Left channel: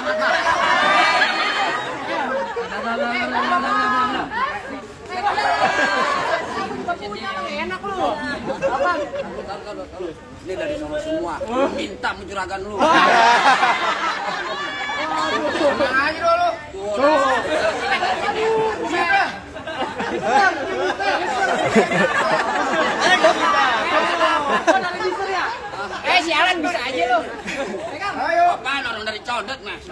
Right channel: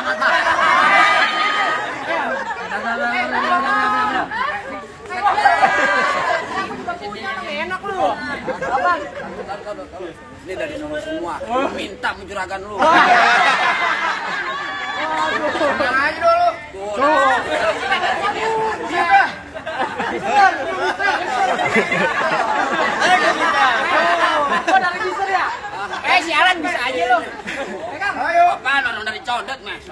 banget, Pak. Kamu juga punya, enak lu. Abang. Ini dari nono semua. Minta mencuragan lu. Ayo lu. Sialan bisa aja lu. Ayo. Apaan orang dari Condet, Mas?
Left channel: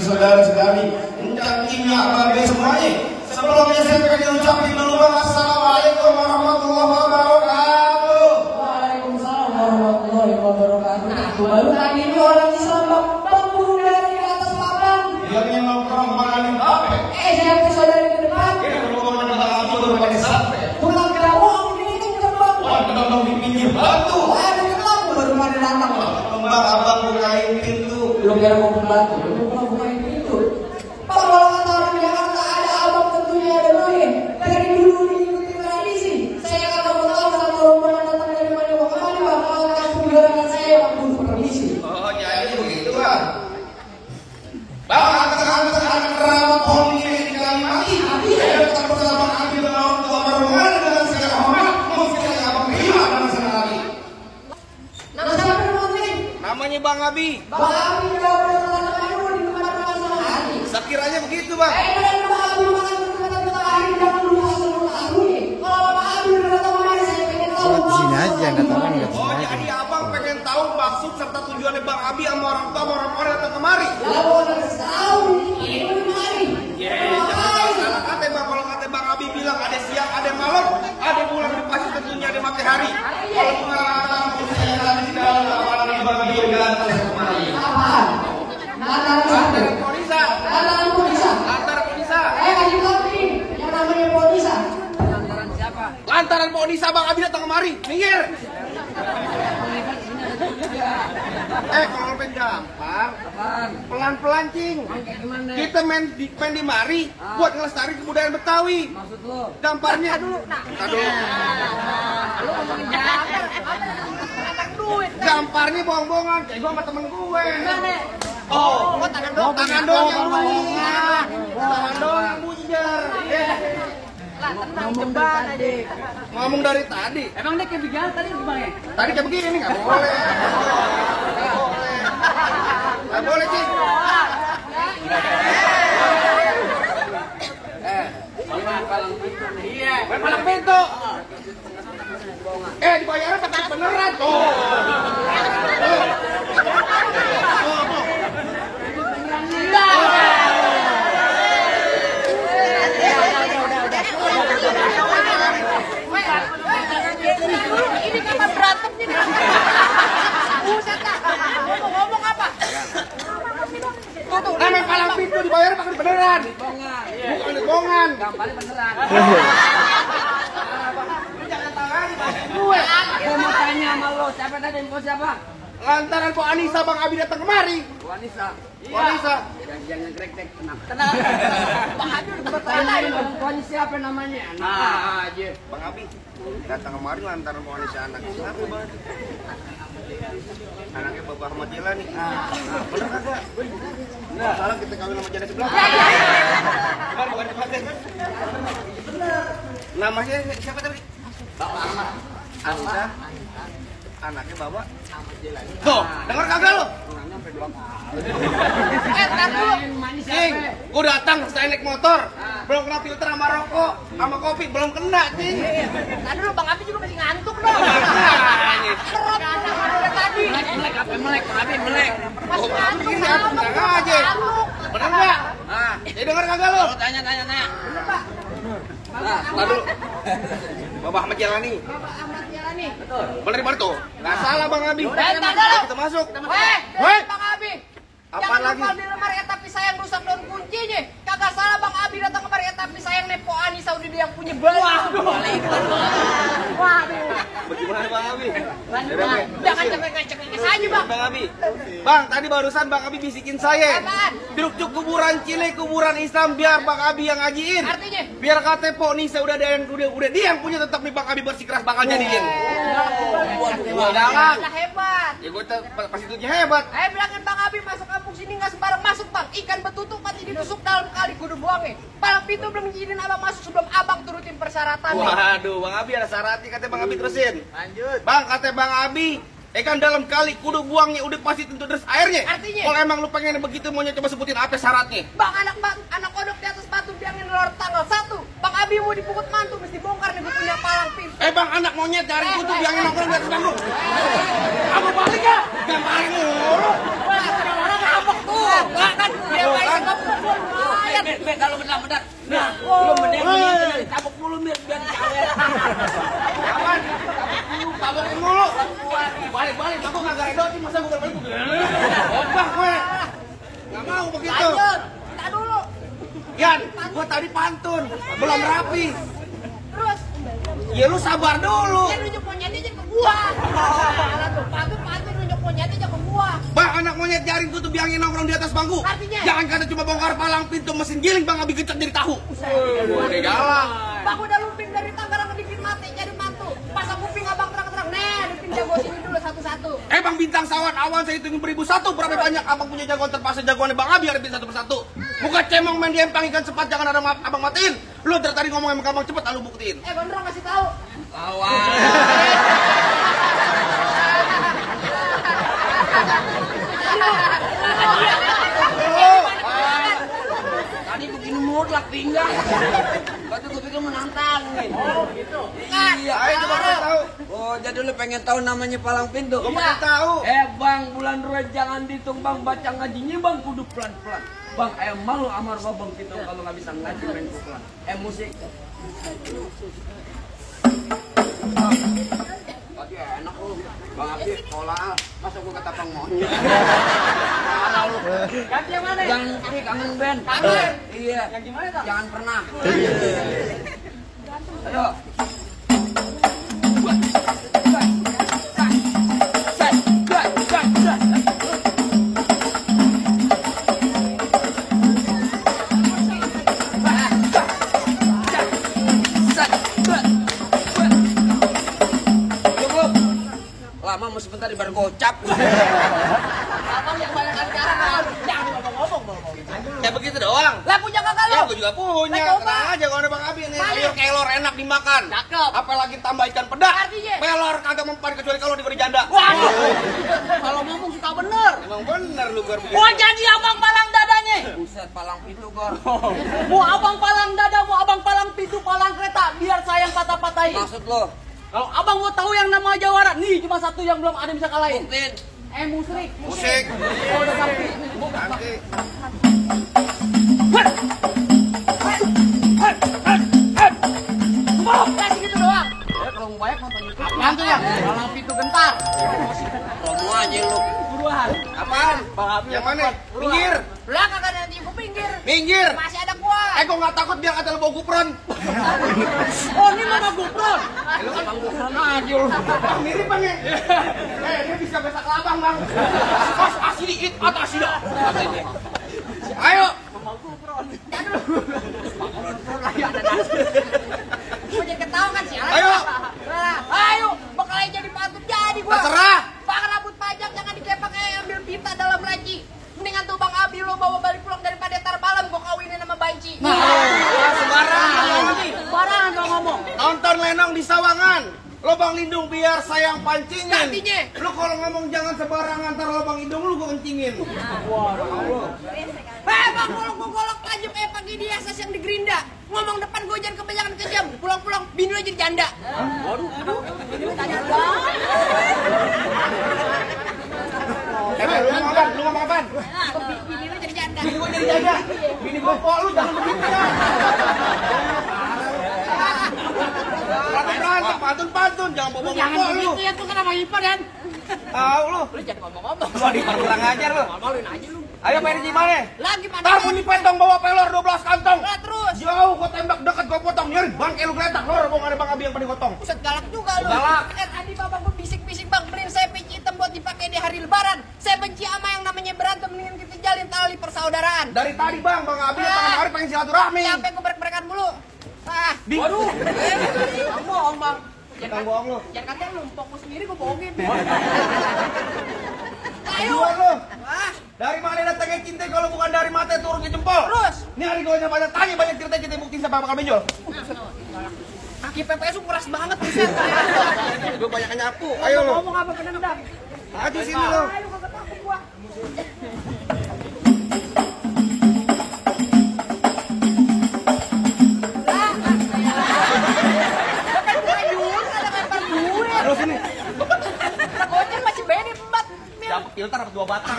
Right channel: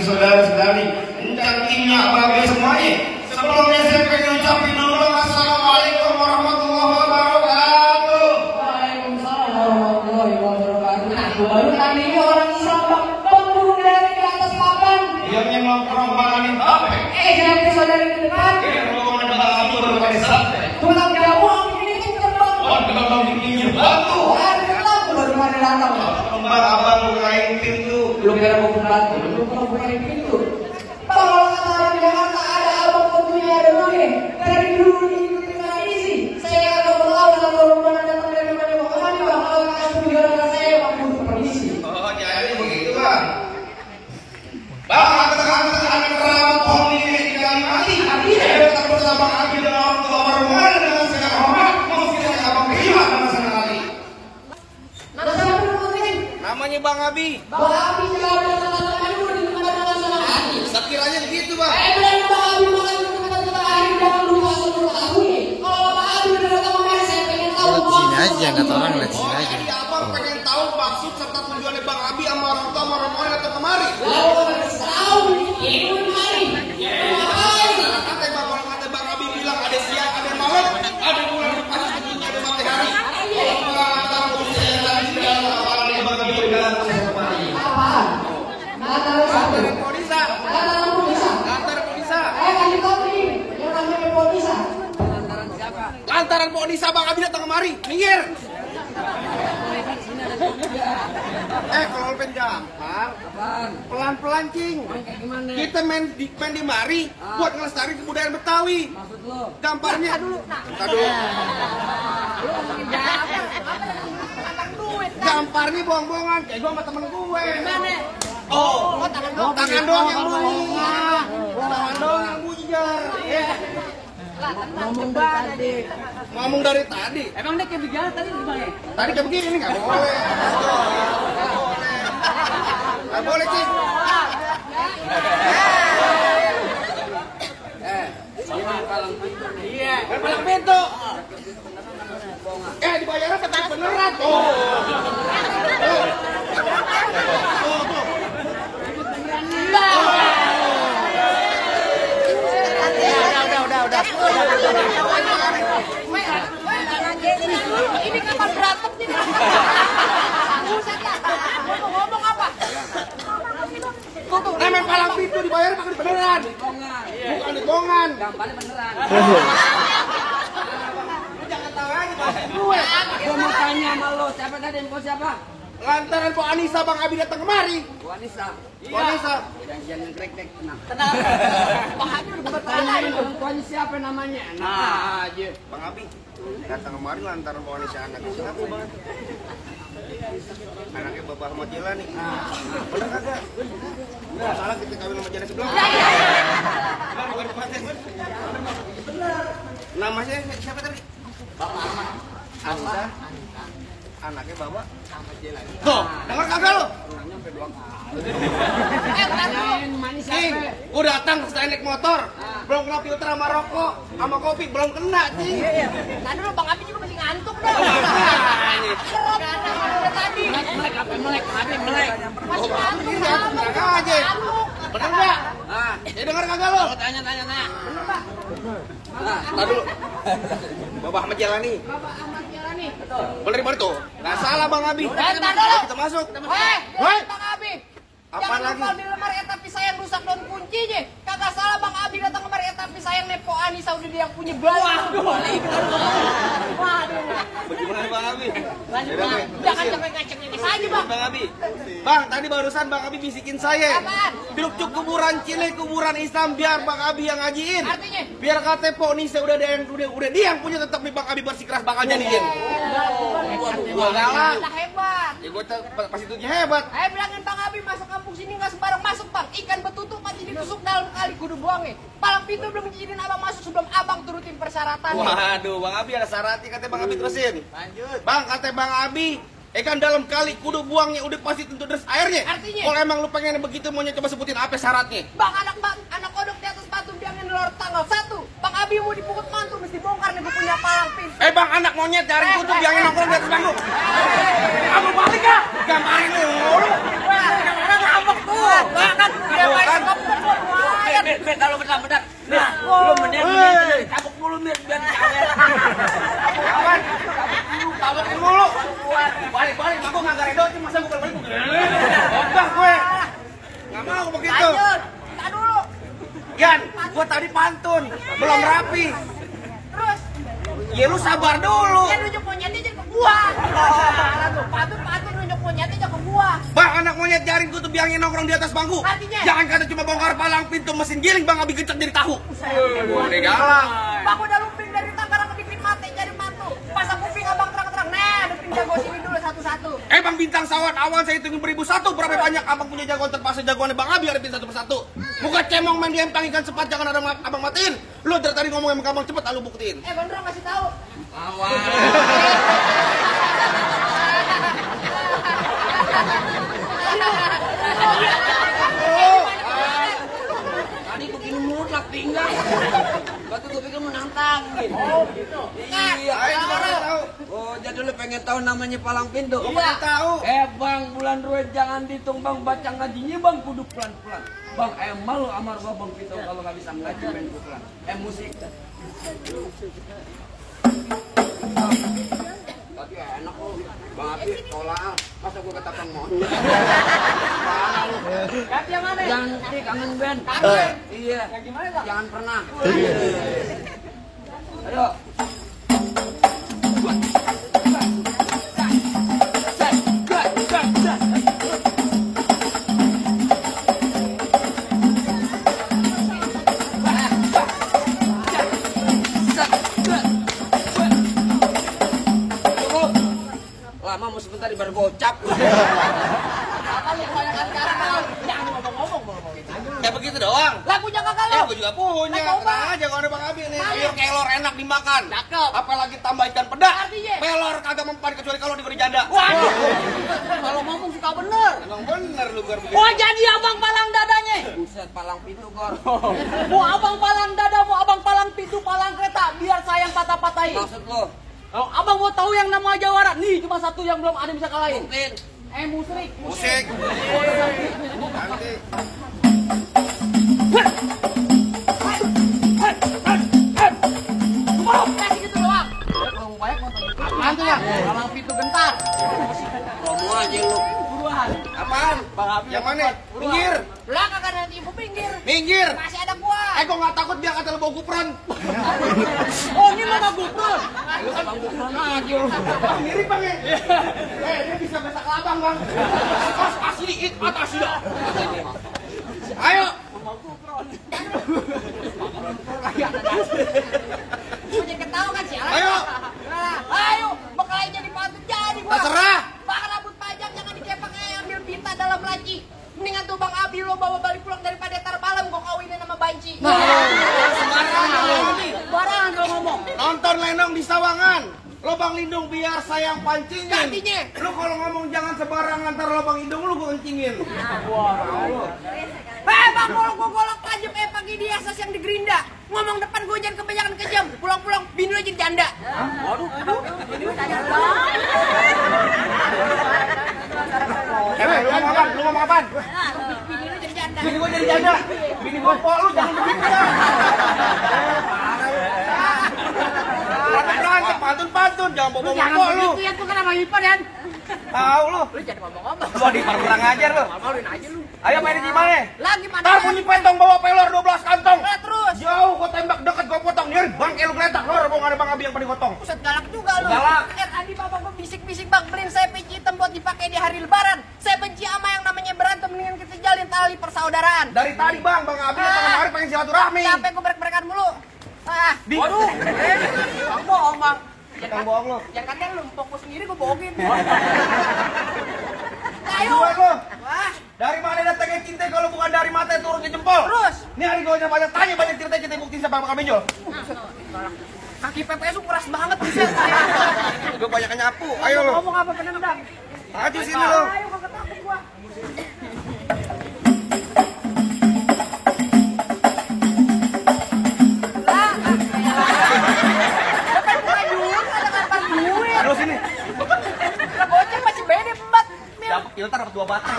Saudara-saudari, intinya apa semuanya. Sebelumnya saya pengen ucapin dulu assalamualaikum warahmatullahi wabarakatuh. Waalaikumsalam warahmatullahi wabarakatuh. Baru tadi orang Sabang bangun dari atas papan. Yang nongkrong makanin apa? Saudara ke depan. Ngomongin bakal aku udah makan sate. Tulang jawab ini terbang. Oh, kita mau bikin batu. Baru ada datang. Mbak abang bukain pintu. Belum kira mau pulang. Belum bukain pintu. Kalau antara Jakarta ada abang tentunya ada main. Dari dulu ini tradisi. Saya kalau tahu kalau mana datang dari mana mau kemana kalau kasih pembicaraan saya waktu permisi. Oh, jadi begitu bang. Bang, katakan rampong ini kali mati. Saya bersama kami dengan orang tua berhubungan dan saya hormat. Mungkin saya akan terima nama sekali. Nama siapa dulu ini? Namanya Bang Abi. Bang Abi jawab pertanyaan dulu di mana-mana. Sekiranya begitu bang. Lihat sini aja, kata orang lihat sini aja. Jadi abang pengen tahu maksud serta tujuannya Bang Abi sama orang tua orang datang kemari. Salah kata bang, kalau kata Bang Abi bilang ada siang, ada malam, ada bulan, pasti tentunya ada matahari. Kalau kemarin mau saya lagi dalam awalnya Bang Abi bilang saya kemari. Antara Ponisa. Lantaran Pak Nisa Bang Abi datang kemari, minggir. Kalau pengen gampang, pelan-pelan cing. Kita main di mari buat ngelestari kebudayaan Betawi. Maksud lo? Gambarnya dulu. Entar dulu. Lu ngomongin gambar, apa duit? Gambarnya bohong-bohongan, kayak gua sama temen gue. Gimana? Oh, tangan doang yang bunyi. Tangan doang yang bujar. Ngomong tadi. Ngomong dari tadi. Emang dia kayak begini tadi gimana? Tadi kayak begini nggak boleh. Nggak boleh sih. Palang pintu nih. Iya, palang pintu. Dibayarnya pakai beneran. Ini kan berantem nih. Buset lah. Ngomong apa? Namanya palang pintu dibayar pakai beneran. Bukan dibohongan. Gambarnya beneran. Jangan tawarin Gue mau tanya sama lo, siapa tadi mau siapa? lantaran Pak Anissa Bang Abi datang kemari. Bu Anissa. Pak Anissa. Jangan krek-krek, tenang. Bang Abi udah Tanyain orang tuanya siapa namanya? Nah, aja. Bang Abi datang kemari lantaran Pak Anissa anak siapa bang? Anaknya Bapak Ahmad Jela nih. Bener kagak? Nggak salah kita kawin sama janda sebelah. Bener. Namanya siapa tadi? Bapak Ahmad. Anissa. anaknya bawa sama jalan. Tuh, dengar kagak lu? Pulangnya sampai 2 kali. Tanyain manis Gua datang saya naik motor, belum kena filter sama rokok, sama kopi belum kena, cing. Tadi lu Bang Abi juga masih ngantuk dong. Makanya. Tadi. Melek apa melek? Abi melek. Oh, Abi gini ya, tenang aja. Bener nggak? Nah, jadi dengar kagak lu? Tanya. Bener, Pak. Nah, aduh. Bapak Ahmad Jalani. Bapak Ahmad Jalani. Bener tuh. Nggak salah Bang Abi. Entar dulu. Kita masuk. Weh, Bang Abi. Apa Jangan lagi? lupa di lemari tapi sayang rusak daun kuncinya. Kagak salah Bang Abi datang kemari tapi sayang nepo Anissa udah dia yang punya balik. Waduh. Bagaimana Bang Abi? Jangan cengeng-cengeng aja Bang. Bang Abi. Bang, tadi barusan Bang Abi bisikin saya. Apaan? Duduk kuburan Cile, kuburan Islam biar Bang Abi yang ngajiin. Artinya? Biar kata Po Nisa udah ada yang udah dia yang punya tetap nih Bang Abi bersikeras bakal jadiin. Gua galak. Lah hebat. Ya gua pasti tujuh hebat. Ayo bilangin Bang Abi masuk kampung sini nggak sembarang masuk Bang. Ikan betutu pasti ditusuk dalam kali kudu buangnya. Palang pintu belum izinin abang masuk sebelum abang turutin persyaratan. Waduh, Bang Abi ada syaratnya katanya Bang Abi terusin. Lanjut. Bang, katanya Bang Abi, kan dalam kali kudu buangnya udah pasti tentu deres airnya. Artinya? Kalau emang lu pengen begitu maunya coba sebutin apa syaratnya. Bang anak kodok di atas batu biangin lor tanggal 1. Bang Abi mau dipukul mantu mesti bongkar nih gue punya palang pintu. Bang, anak monyet cari kutu biangin nongkrong di atas bangku. Kamu balik ya? Gamparin dulu. Wah, sekarang ngambek tuh. Kan dia main kopur. Kalau benar-benar. Nah, lu mending dari tabuk dulu biar cawer. Tabuk dulu. Balik, aku nggak garedot, masa gue balik begini. Obah gue. Nggak mau begitu. Lanjut, kita dulu. Yan, gue tadi pantun, belum rapi. Terus, Ya lu sabar dulu. dia nunjuk monyetnya aja ke gua. Tuh, patut nunjuk monyetnya aja ke gua. Bang, anak monyet jaring gue tuh biangin nongkrong di atas bangku. Artinya? Jangan kata cuma bongkar palang pintu mesin giling, Bang Abi gecek jadi tahu. Udah galak. Bang udah lumping dari Tangerang bikin mati jadi mantu. Pasang kuping abang terang-terang. Nah, lumping jago sini dulu satu-satu. Bang Bintang Sawan awan saya hitungin 1001. Berapa banyak abang punya jagoan terpaksa jagoannya Bang Abi harapin satu persatu. Bukan cemong main game tangikan cepat, jangan ada abang matiin. Lu dari tadi ngomong sama abang cepet, lalu buktiin. Gondrong kasih tahu. Awas. Tadi begini mutlak tinggal. Batu gue pikir menantang nih. Oh, gitu. Iya, Ayo coba kasih tahu. Oh, jadi lu pengen tahu namanya palang pintu? Gua pengen tahu. Bang, bulan ruwet jangan dihitung Bang, baca ngajinya Bang, kudu pelan-pelan. Bang, malu amar Bang Pintu kalau nggak bisa ngaji main pukulan. Musik. Tadi enak lu. Bang Abi, tolak. Masa gua ketapang monyet. Parah lu. Ganti yang mana? Jangan kangen band. Kangen? Iya. Yang gimana dong? Jangan pernah. Ayo. Lama mau sebentar di bar gocap. Abang kebanyakan karton. Jangan ngomong-ngomong. Ya begitu doang. Lah punya kakak Ya lu. gue juga punya. Lah, coba. Tenang aja kalau ada Bang Abi nih. Mana? Sayur kelor enak dimakan. Cakep. Apalagi tambah ikan pedas. Artinya? Pelor kagak mempan kecuali kalau diberi janda. Waduh. Kalau ngomong suka bener. Emang bener lu Gor. Oh jadi abang palang dadanya. Buset, palang pintu Gor. Mau abang palang dada, mau abang palang pintu, palang kereta. Biar sayang patah-patahin. Maksud lo? Kalau abang mau tahu yang nama jawara, nih cuma satu yang belum ada yang bisa kalahin. Tin. Musrik. Musik. Oh, udah ganti. Nanti. Kasih gitu doang. Kalau banyak nonton itu. Nanti ya, palang pintu gentar. Promo aja lu. Buruan. Apaan? Bang Abi yang mana? Minggir. Lah kagak nanti gue pinggir. Minggir. Masih ada gua. Gua nggak takut biar kata lu bawa gupron. Oh, ini lo mau gupron. Lu abang bukan aja lu. Mirip Bang ya. Dia bisa besak labang Bang. Pas asli it atau asli dah. Ayo. Gue jadi ketawa kan sih. Ayo. Ayo, bakal jadi pantut jadi gua. Terserah. Bang rambut pajak jangan dicepak kayak ambil tinta dalam laci. Mendingan tuh Bang Abi lo bawa balik pulang daripada tar malam gua kawinin sama Banci. Sembarangan. Sembarangan kalau ngomong. Nonton Lenong di Sawangan. Lubang lindung biar saya yang pancingin. Gantinya. Lu kalau ngomong jangan sembarangan, ntar lubang lindung lu gua kencingin. Wah, mau lu. Bang, kalau gua golok lanjut pagi dia asas yang di Gerinda. Ngomong depan gua jangan kebanyakan kejam. Pulang-pulang bini lu jadi janda. Waduh. Lu ngomong apaan? Lu ngomong apaan? Bini lu jadi janda. Bini gua jadi janda. Bini gua kok lu jangan begitu ya. Berantem, pantun, jangan bawa kok lu. Ya tuh kan sama Ipa dan. Tahu lu. Lu jangan ngomong-ngomong. Lu di kurang ajar lu. Ngomongin aja lu. Ayo main di mana? Lagi mana? Ntar bunyi pentong bawa pelor 12 kantong. Lah terus. Jauh gua tembak deket gua potong. Nyeri bangke lu geletak. Lor gua ada Bang Abi yang paling gotong. Buset galak juga lu. Galak. Tadi bapak gua bisik-bisik bang beliin saya peci hitam buat dipakai di hari lebaran. Saya benci sama yang namanya berantem, mendingan kita jalin tali persaudaraan. Dari tadi Bang Abi datang kemari pengen silaturahmi. Siapa yang gua berek-berekan mulu? Ah, Waduh. bohong bang. Jangan bohong lu. Jangan katanya lu empok sendiri gua bohongin. Ayo. Duluan lu. Wah, Dari mana datangnya cinta kalau bukan dari mata turun ke jempol? terus. Ini hari gua banyak tanya banyak cerita kita buktiin siapa bakal benjol. Kaki PPS lu keras banget buset. Gua banyak nyapu. Ayo lu. Ngomong apa penendang? Maju sini lu. Ayo kagak takut gua. Aduh sini. Lah goceng masih beda embat. Dapat filter dapat 2 batang.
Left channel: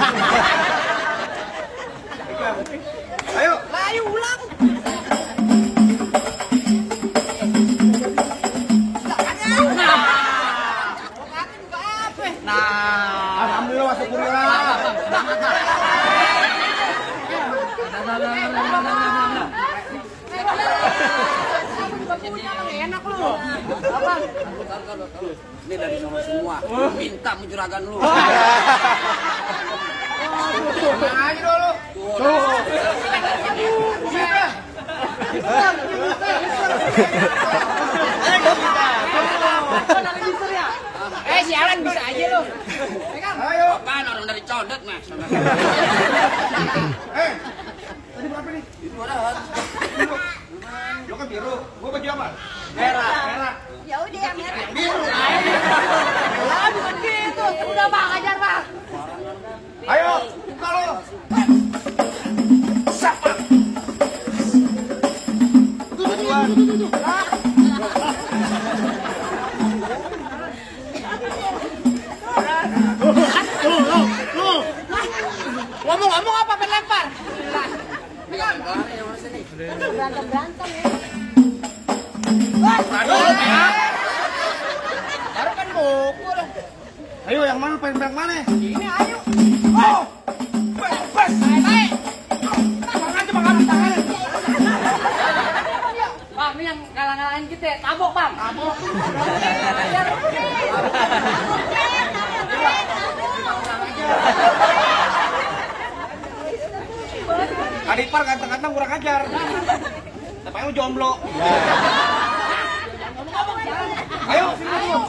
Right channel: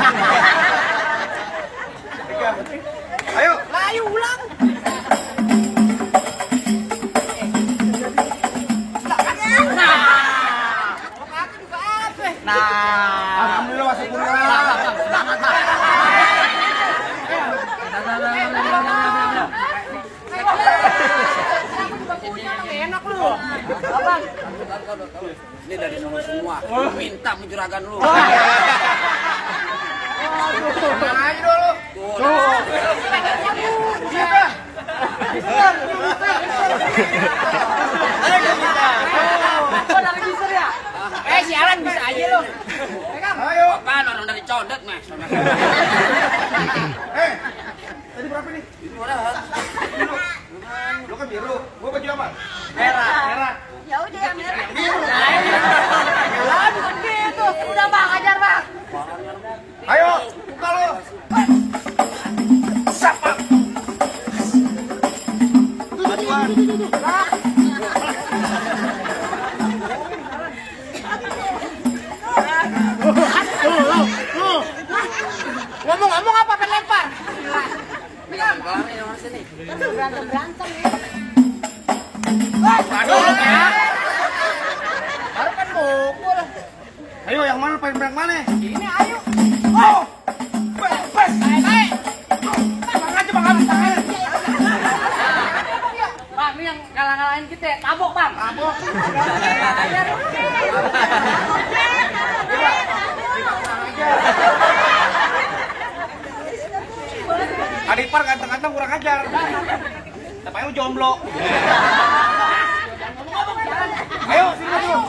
Ayo. Lah ayo ulang. Alhamdulillah masuk kurang. Kamu juga punya bang, enak lu. Abang. Ini dari sama semua. Minta mencuragan lu. Ayo lu. Sialan bisa aja lu. Ayo. Apaan orang dari condet mas? Tadi berapa nih? Itu orang. Lu kan biru. Gua baju apa? Merah. Ya udah yang merah. Yang biru. Lah bukan gitu. Udah bang, ajar bang. Ayo, buka lu. Siapa? Ngomong-ngomong apa penlempar? Kelar-kelarnya yang mana sini? Berantem-berantem ya. Aduh, ya. Baru kan mukul. Ayo, yang mana pengen berang mana? Ini ayo. Oh! Baik. Baik. Bang aja, Bang aja. Bang, ini yang kalah-kalahin kita. Tabok, Bang. Tabok. Ajar. Adipar ganteng-ganteng kurang ajar. Tapi lu jomblo. Jangan ngomong-ngomong, jalan. Ayo, sini dulu.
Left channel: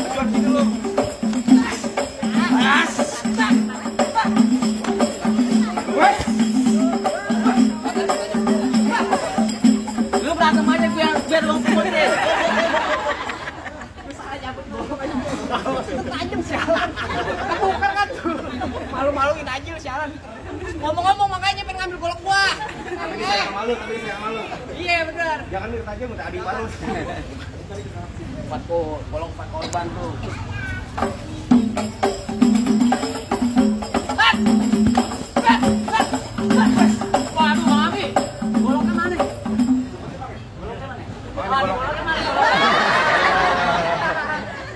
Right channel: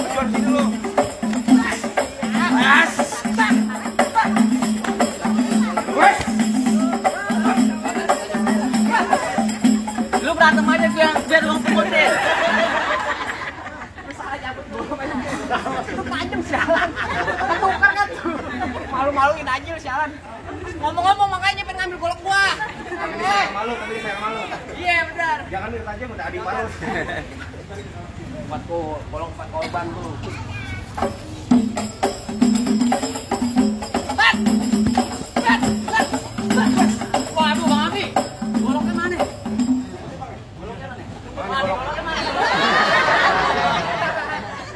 Ajuan sini lu. Lu berantem aja biar lu pukul deh. Salah nyabut bola aja. Lu tajam sialan. Ketukar kan tuh. Malu-maluin aja lu sialan. Ngomong-ngomong makanya pengen ngambil golok gua. Malu, tapi saya malu. Iya benar. Jangan mirip aja udah Adipar lu. Bolong 4 korban tuh. Waduh, Mami. Goloknya mana?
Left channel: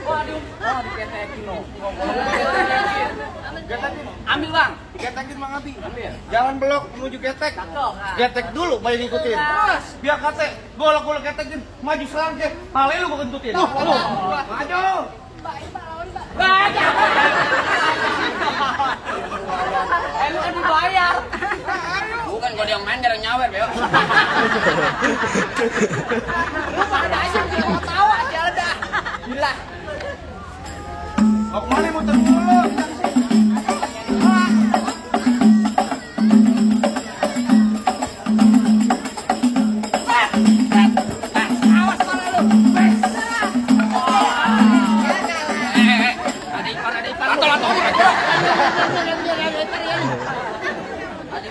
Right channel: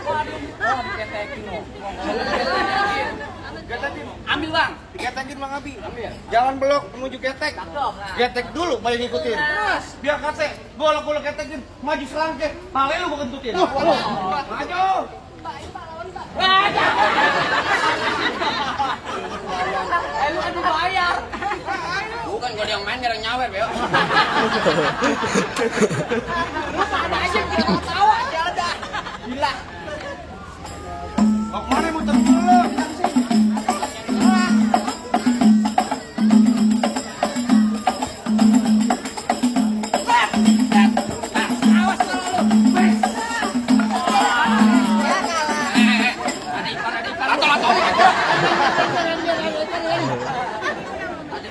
Waduh, diketekin lo. Ambil bang. Getekin Bang Abi. Jangan belok menuju getek. Getek dulu baru ngikutin. Terus. Biar kate golok-golok getekin maju selangkeh. Pale lu gua kentutin. Maju. Wah, jangan. Lu kan dibayar. Bukan kalau yang main jarang nyawer beo. Lu pada aja bikin tawa aja udah. Gila. Mau kemana muter dulu?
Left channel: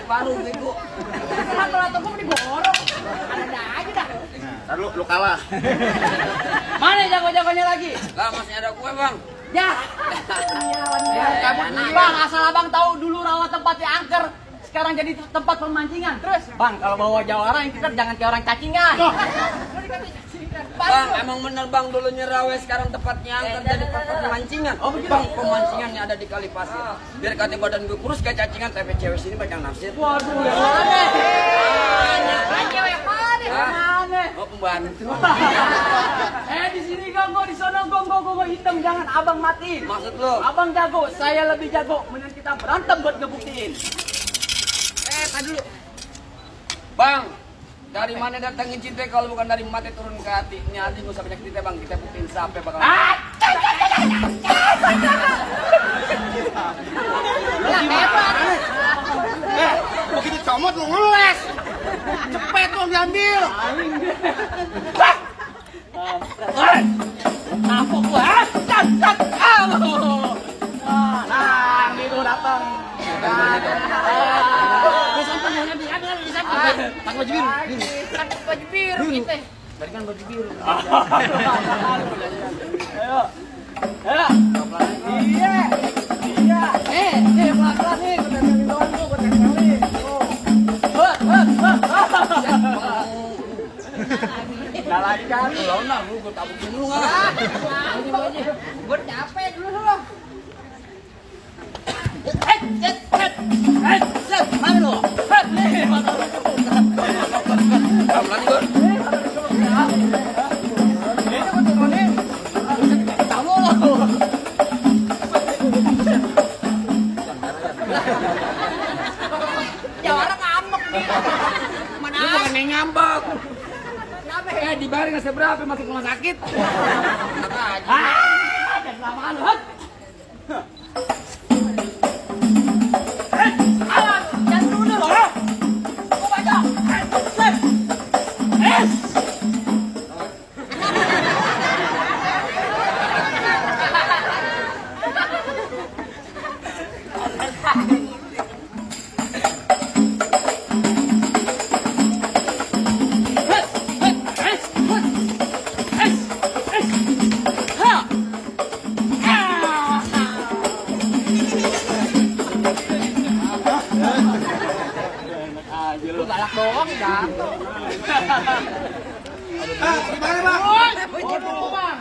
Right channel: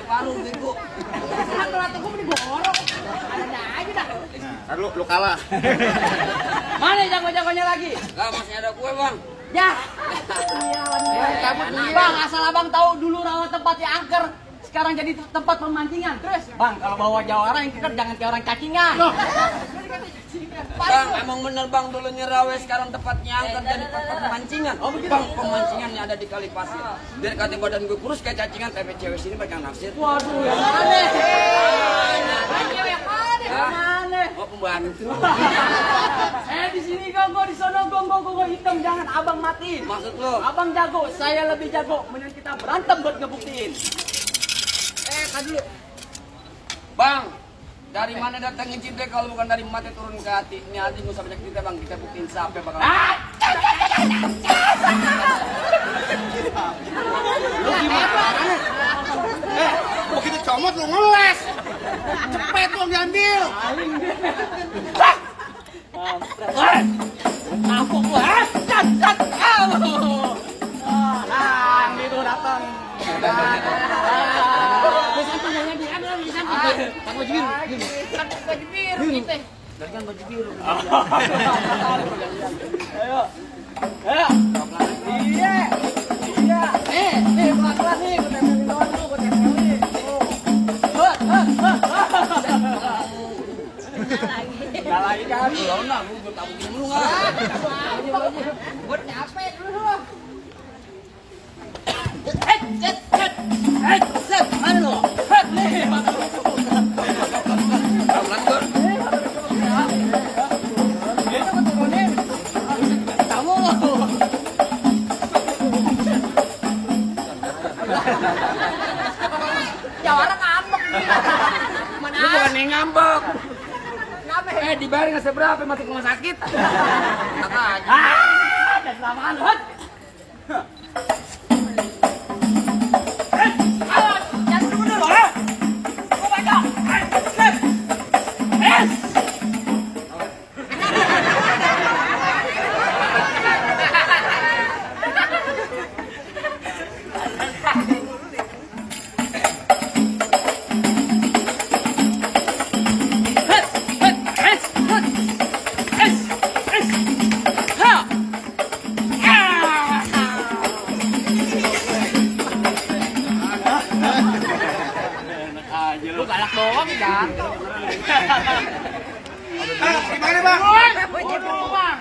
paru bego. Sambal atau gue mending borok. Ada aja dah. Ntar lu kalah. Mana jago-jagonya lagi? Lah masih ada gue bang. Ya. Ya, kamu Bang, asal abang tahu dulu rawa tempatnya angker. Sekarang jadi tempat pemancingan. Terus, Bang, kalau bawa jawara yang kita jangan kayak orang cacingan. Bang, emang bener bang dulu Rawe sekarang tempatnya angker jadi tempat pemancingan. Oh begitu. Bang, pemancingannya ada di Kali Pasir. Biar katanya badan gue kurus kayak cacingan, tapi cewek sini banyak naksir. Waduh, yang mana? Cewek mana? Yang mana? Oh pembantu. Di sini gongo, di sana gongo hitam, jangan abang mati. Maksud lo? Abang jago, saya lebih jago. Mending kita berantem buat ngebuktiin. Tadi dulu. Bang, dari mana datangin cinta kalau bukan dari mati turun ke hatinya? Nanti gak usah banyak cerita bang, kita buktiin siapa bakal. Begitu comot lu ngeles. Cepet dong diambil. Tampuk gua, cat. Nah, itu datang. Baju biru kita. Tadi kan baju biru. Ayo. Iya. Pelan-pelan nih, gue tempelin doang tuh, gue tempelin. Gak lagi kan? Lo nah, gue tabukin lu nggak? Gue capek dulu. Mana lu? Nih, mata lu. Pelan gue. Ini gue turunin. Kamu lo. Jawara ngambek nih. Lu bukan yang ngambek. Kenapa? Dibayar nggak seberapa masuk rumah sakit. Enak aja. Dan kelamaan lu. Jangan dulu loh. Gue baca. Lu galak doang kan? Gimana bang? Waduh, Bang.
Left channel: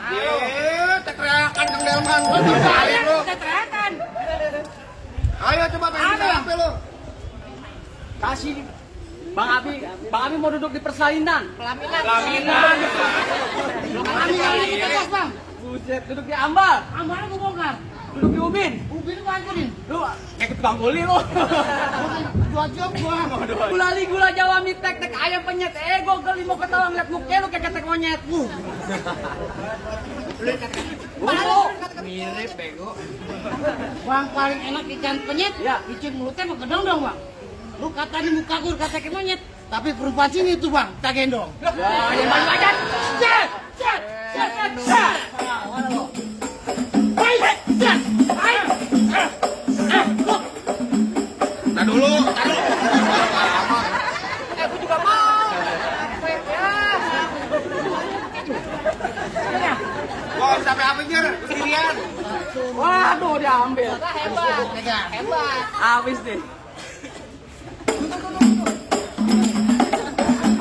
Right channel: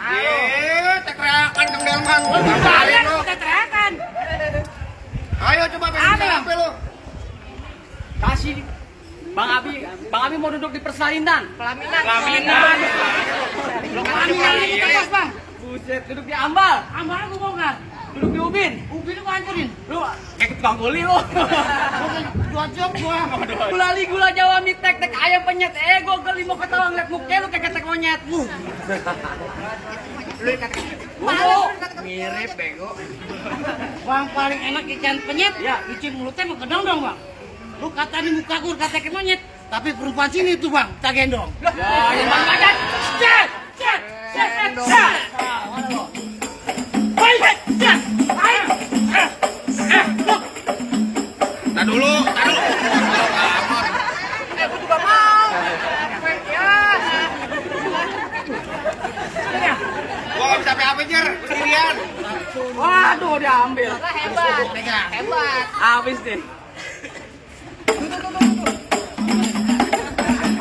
Teriakan dong delman. Gue balik lu. Kita teriakan. Ayo coba Ada, Bang. lu. Kasih Bang Abi mau duduk di persalinan. Pelaminan. Pelaminan itu tegas, Bang. Buset, duduk di ambal. Ambalnya gue bongkar. Duduk di ubin. Ubin gue hancurin. Lu kayak tukang guli lu. 2 jam gua. Gula Jawa mie tek ayam penyet. Gue geli mau ketawa ngeliat muka lu kayak ketek monyet. Malu. Mirip bego. Bang paling enak ikan penyet. Ya, ikan mulutnya mau gedong dong, Bang. Lu kata di muka gue kata kayak monyet, tapi perempuan sini tuh, Bang, tak gendong. Mana lo? Nah dulu. Gue juga mau. Gua gak bisa apa-apa jer. Sendirian. Waduh, diambil. Hebat. Habis deh.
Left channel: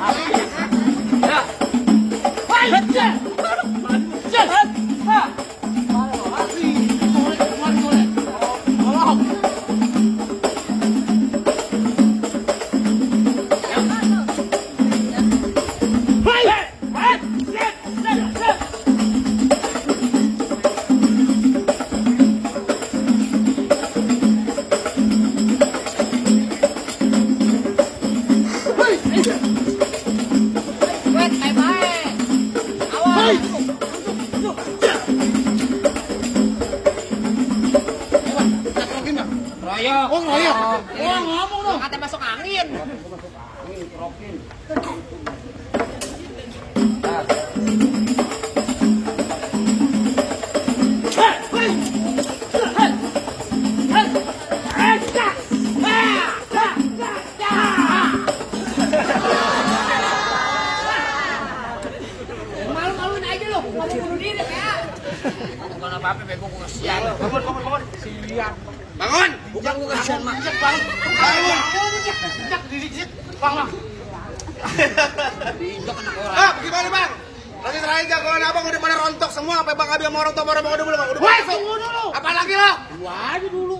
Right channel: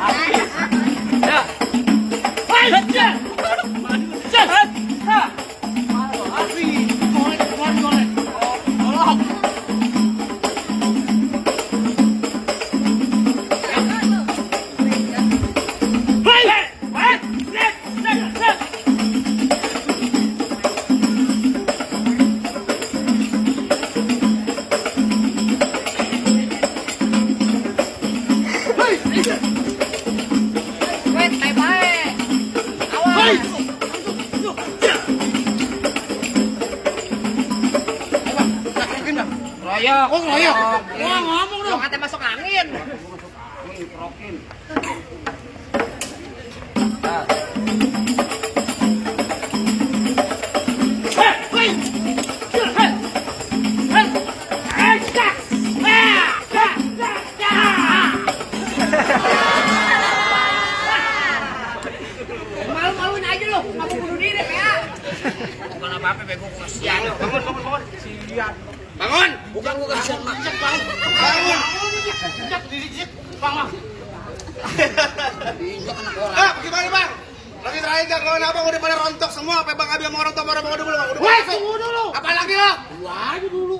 Habis. Ya. Hai, baca. Jahat. Ha. Mana habis. Soleh. Oh, tolong. Royok. Oh royok. Wah, ngomong dong. Kata masuk angin. Rokin. Bukan apa-apa, bego gue kasihan. Bangun. Siap. Bangun. Bukan gue kasihan, Mak. Bangun. Bangun. Diinjak anak orang. Gimana bang? Nanti terakhir gak kawan abang udah pada rontok semua. Apa bang Abi sama orang tua udah dulu bang? Woi, tunggu dulu. Apa lagi lo? Gua aja dulu.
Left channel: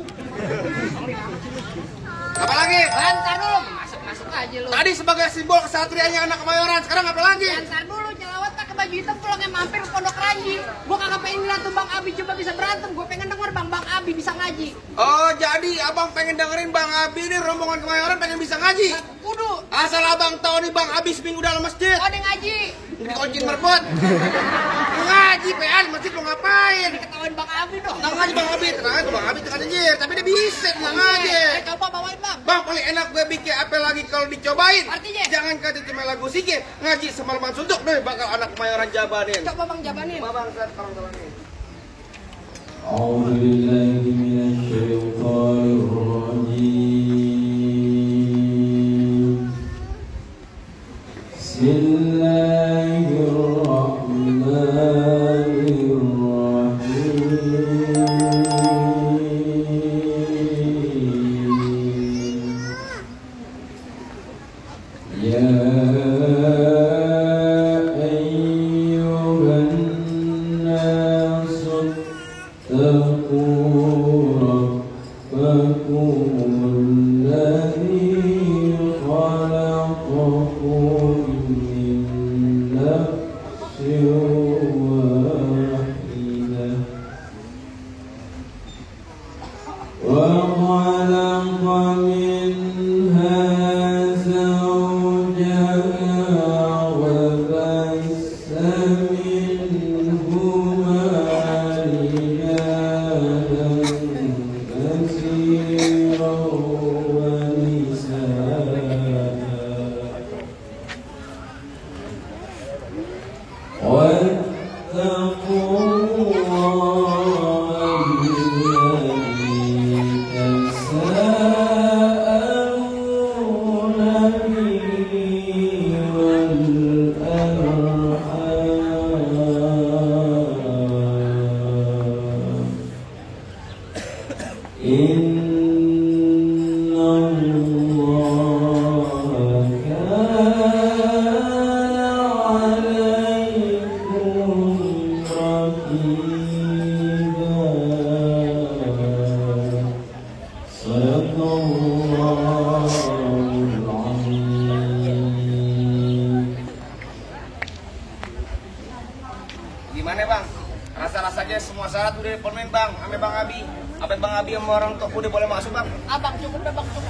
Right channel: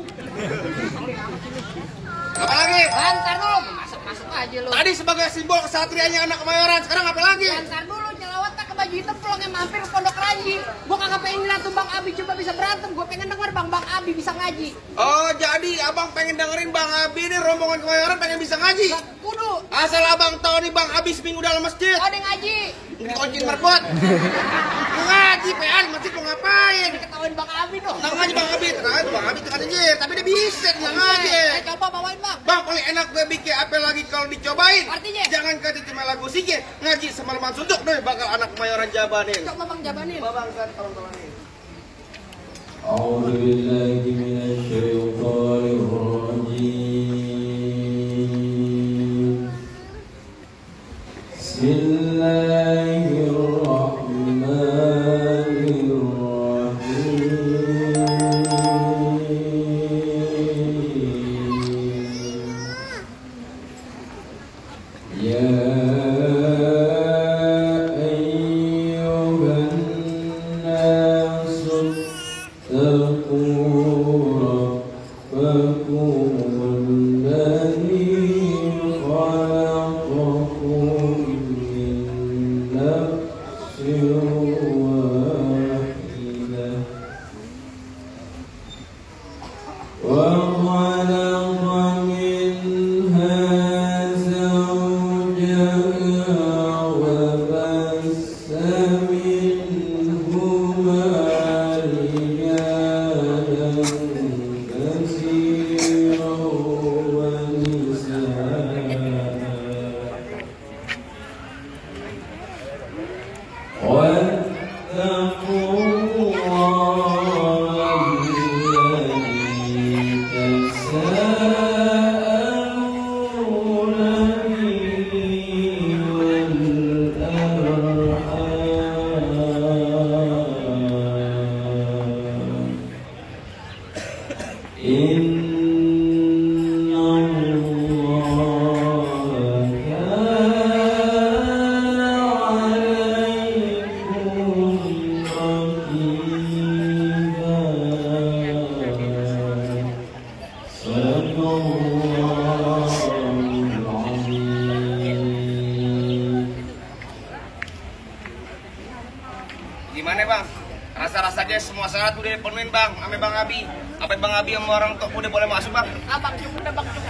Apa lagi? Ntar dulu, masuk aja lu. Tadi sebagai simbol kesatrianya anak Kemayoran. Sekarang apa lagi? Ntar dulu, nyelawat tak ke baju hitam pulangnya mampir ke Pondok Ranji. Gua kagak pengen lihat tuh Bang Abi coba bisa berantem. Gua pengen denger Bang Abi bisa ngaji. Oh jadi abang pengen dengerin Bang Abi nih rombongan Kemayoran pengen bisa ngaji. Kudu. Asal abang tahu nih Bang Abi seminggu dalam masjid. Oh, dia ngaji. Dikunci merbot. Ngaji PA masjid mau ngapain? Ketahuan Bang Abi dong. Nggak ngaji Bang Abi, tenang aja Bang Abi tuh kan anjir, tapi dia bisa nggak ngaji. Coba bawain Bang. Bang punya enak gue bikin apa lagi kalau dicobain? Artinya? Jangan kata cuma lagu sikit, ngaji semalaman suntuk deh bakal anak Kemayoran jabanin. Coba Bang jabanin. Bang saya tolong-tolongin. أعوذ بالله من الشيطان الرجيم بسم الله الرحمن الرحيم يا أيها الناس اتقوا ربكم الذي خلقكم من نفس واحدة وخلق منها زوجها وبث منهما رجالا كثيرا ونساء واتقوا الله الذي تساءلون به والأرحام إن الله كان عليكم رقيبا صدق الله العظيم. Gimana bang? Rasa-rasanya semua syarat udah dipenuhin bang, ame Bang Abi. Apa Bang Abi sama orang tua udah boleh masuk bang? Abang cukup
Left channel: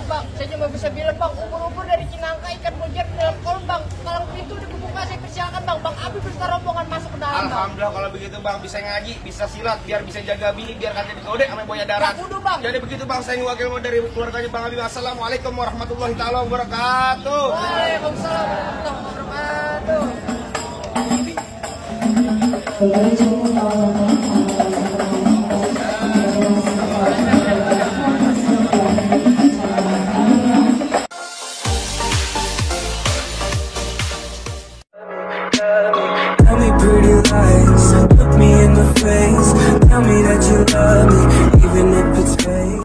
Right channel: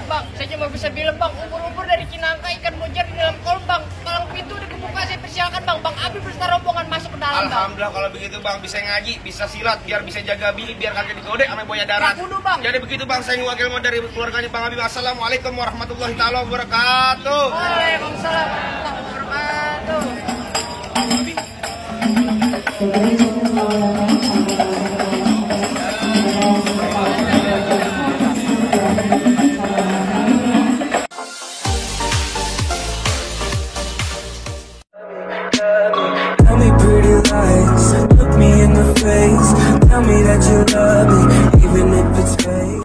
Bang. Saya cuma bisa bilang Bang, ubur-ubur dari Cinangka ikan mujar di dalam kolam Bang. Palang pintu udah kebuka, saya persilakan Bang. Bang Abi beserta rombongan masuk ke dalam Bang. Alhamdulillah kalau begitu bang, bisa ngaji, bisa silat, biar bisa jaga bini, biar kagak digode sama boya darat. Kudu, Bang. Jadi begitu bang, saya wakil dari keluarganya Bang Abi. Assalamualaikum warahmatullahi taala wabarakatuh. Waalaikumsalam warahmatullahi wabarakatuh. Tell me pretty lies, look me in the face. Tell me that you love me, even if